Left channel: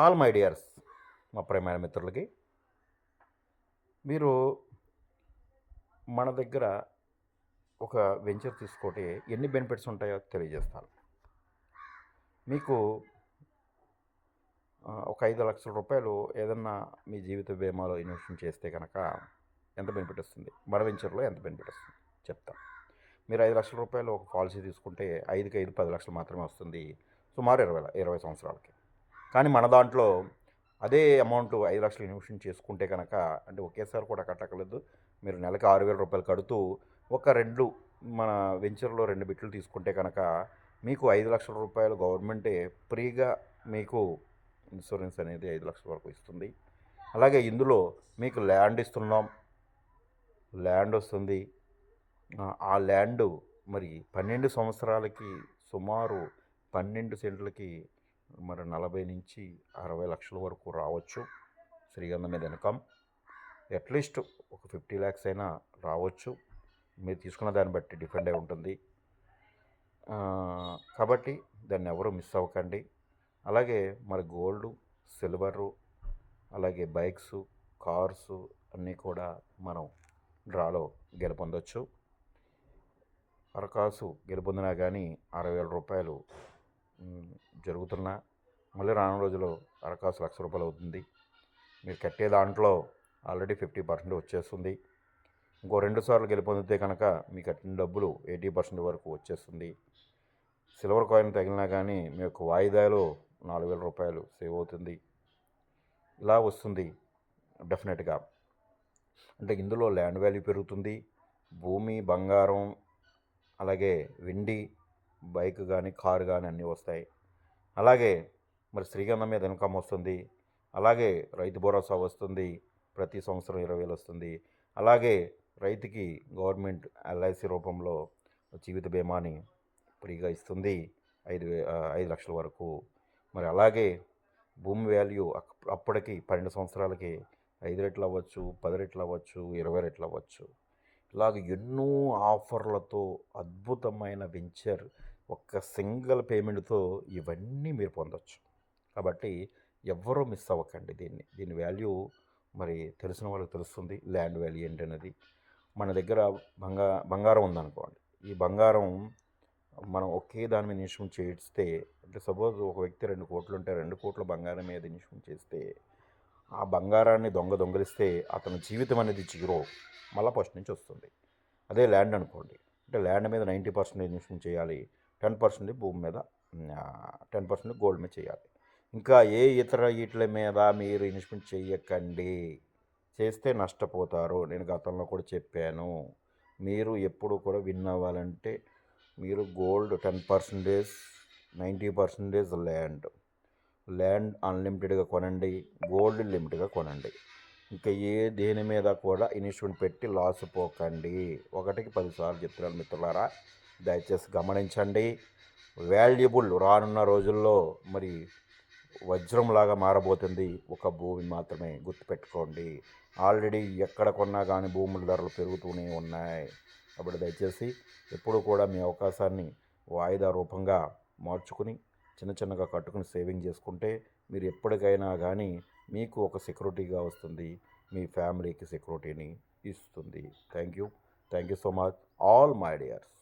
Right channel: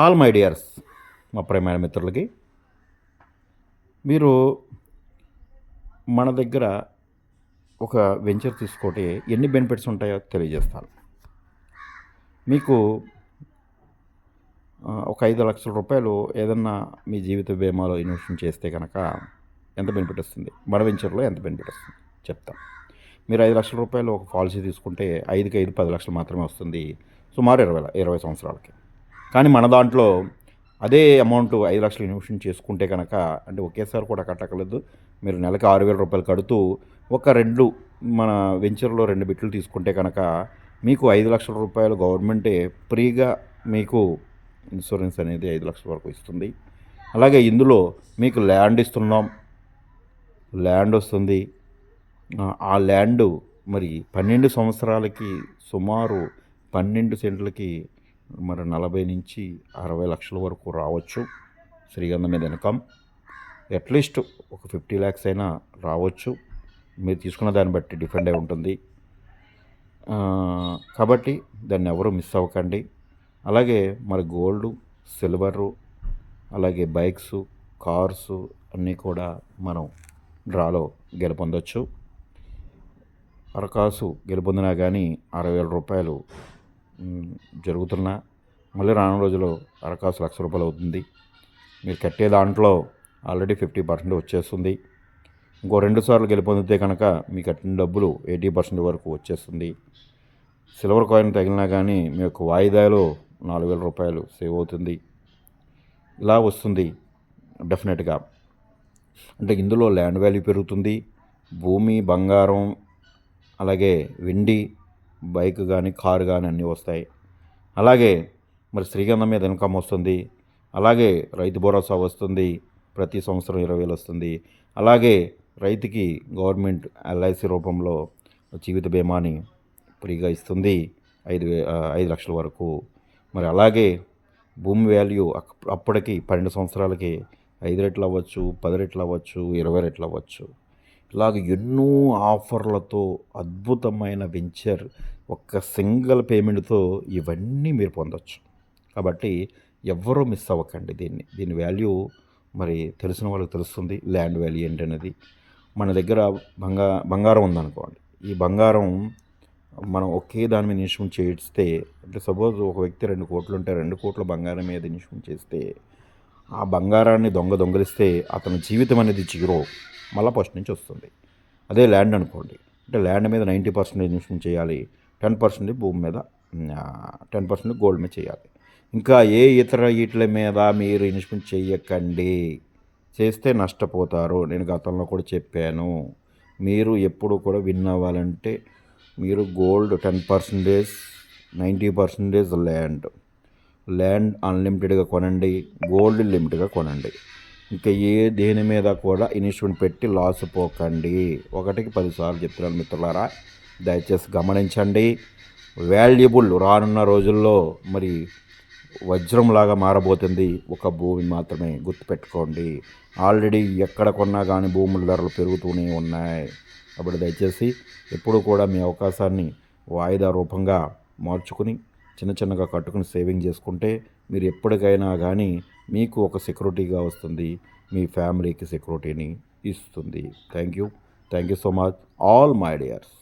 All my dears, మా ప్రియమైన మిత్రులకి, మీరు మన దగ్గర ఒక వెంచర్ తీసుకుంటే ఎన్ని బెనిఫిట్స్ ఉంటాయో తెలియజేస్తాను. మీకు ఒక 5,00,000 రూపాయలు ఏదన్నా మీ జీవిత బీమాలో ఇన్వెస్ట్‌మెంట్ చేస్తే గనక ఎంత బెనిఫిట్ వస్తుంది? మన వెంచర్‌లో ఎంత బెనిఫిట్ వస్తుంది చెప్తాను. మీరు 5,00,000 రూపాయలు ఒక పాలసీ తీసుకుంటే 5కి 5 10,00,000 మాత్రమే వస్తుంది. సుమారు 20 సంవత్సరాలకి. కానీ మన దాంట్లో అదే అమౌంట్ 5,00,000 ఇన్వెస్ట్‌మెంట్ చేసుకుంటే కనుక, అంటే ఒకేసారి కూడా కట్టక్కర్లేదు. మీరు నెలకి 6,000 రూపాయలు కడుతూ ఒక 2 మన వెంచర్‌లో 2 బిట్లు తీసుకుంటే కనుక మీకు 5,00,000 రూపాయలు గవర్నమెంటే ఫ్రీగా మీకు ఇన్సూరెన్స్ అనేది 5,00,000 వరకు ఇస్తుంది. అలాగే ఇందులో మీకు ల్యాండ్ ఇస్తున్నాం. ల్యాండ్ వస్తుంది. ఆ ల్యాండు మరి 12 సంవత్సరాలకి సుమారు 12 సెంట్లకి మరి 40-60 లక్షల వరకు రావచ్చు. శ్రీగంధం మీద ఇన్కమ్ అట్లీస్ట్ ఒక 50 lakhs అయినా రావచ్చు. మీరు తీసుకున్న దాన్ని బట్టి డిపెండ్ అయి ఉంటుంది. కాబట్టి దాన్ని ఎవరు మిస్ అవ్వకండి. అలాగే మరి గోల్డు, సిల్వరు, అలాగే బైక్సు, కార్సు అన్నీ కూడా మనం డ్రాలో గెలుపొందొచ్చు. అరకాసు గెలుపొందినా కానీ 60,000 రూపాయలు జరుగుతున్నా, మళ్ళీ రానున్న రోజుల్లో అరకాసు 1,00,000 రూపాయలు అవుతుంది. మీరు కట్టే దాంట్లో ఆల్రెడీ 50% వచ్చేస్తుంది. ఇంకో 2 సార్లు గెలుపొందితే కనుక మీ కట్టిన డబ్బులు 80% వరకు వచ్చేస్తుంది. సిల్వర్ కాయిన్ తగిలినా కానీ మీ యొక్క వాయిదాలో 4,000 రూపాయలు సేవ్ అవుతుంది. ఇలా వస్తుంది డెఫినెట్గా. అంటే ఇందులో ల్యాండ్ వాల్యూ పెరుగుతుంది, భూమి, బంగారం, అలాగే వెండి, బైక్ కానీ, కారు కానీ అన్నీ వస్తాయి. అలాగే మరి శ్రీగంధం మీద ఇన్కమ్ వస్తుంది. అలాగే రైతు భరోసా వస్తుంది, ప్రతి సంవత్సరం 20,000 వస్తుంది. అలాగే రైతుకి గవర్నమెంట్ ఎల్ఐసి రూపంలో జీవిత బీమాని ఫ్రీగా ఇస్తుంది 5 లక్షల వరకు. మరి అలాగే భూమి వాల్యూ అప్పటికి 12 సంవత్సరాలకి 5 రెట్లు అవ్వచ్చు, 10 రెట్లు అవ్వచ్చు, 20 రెట్లు అవ్వచ్చు. ఇలాగ ఎన్నో ఆఫర్లతో అద్భుతమైన వెంచర్ ఒక్క సింగిల్ పేమెంట్తో ఇవన్నీ మీరు పొందొచ్చు. కాబట్టి ఎవ్వరూ మిస్ అవ్వకండి దీని వాల్యూ మరి తెలిసిన వాళ్ళకి తెలుస్తుంది. ల్యాండ్ వాల్యూ ఏంటనేది. మన దగ్గర బంగారం ఉందనుకోండి, ఈ బంగారం మనం ఒకే దాని మీద ఇన్వెస్ట్మెంట్ చేస్తే, అంటే సపోజ్ ఒక వ్యక్తి 2 కోట్లు ఉంటే 2 కోట్ల బంగారం మీద ఇన్వెస్ట్మెంట్ చేస్తే, ఆ బంగారాన్ని దొంగిలిస్తే అతని జీవితం అనేది జీరో, మళ్ళీ ఫస్ట్ నుంచి వస్తుంది. అదే ల్యాండ్ అనుకోండి, అంటే ల్యాండ్ మీద 90% ఇన్వెస్ట్మెంట్ చేయాలి, 10% భూమి మీద, 10% గోల్డ్ మీద చేయాలి. ఇంకా ఏ ఇతర వీటిల మీద మీరు ఇన్వెస్ట్మెంట్ చేయకండి. చేస్తే నష్టపోతారు. నేను గతంలో కూడా చెప్పాను. మీరు ఎప్పుడు కూడా విన్ అవ్వాలంటే మీరు గోల్డ్ 10%, 90% ల్యాండ్ అన్లిమిటెడ్గా కొనండి, గోల్డ్ లిమిట్గా కొనండి. ఇంకా దేని మీద కూడా ఇన్వెస్ట్మెంట్ పెట్టి లాస్ పోకండి. 1కి 10 సార్లు చెప్తున్నాను మిత్రులారా, దయచేసి గమనించండి. వాల్యుబుల్ రానున్న రోజుల్లో మరి వజ్రంలాగా మారబోతుంది ఒక భూమి మాత్రమే, గుర్తుపెట్టుకోండి. ఆల్రెడీ ఎక్కడ కొన్నా కానీ భూముల ధరలు పెరుగుతూనే ఉన్నాయి. కాబట్టి దయచేసి ఎప్పుడు కూడా మీ అవకాశాన్ని వాయిదా రూపంగా మార్చుకుని చిన్నగా కట్టుకుని సేవింగ్ చేసుకుంటే మీరు ఎప్పటికైనా కానీ మీకు ఒక సెక్యూరిటీగా వస్తుంది, మీ ఫ్యామిలీకి సెక్యూరిటీని ఇస్తుంది. Thank you so much all my dears.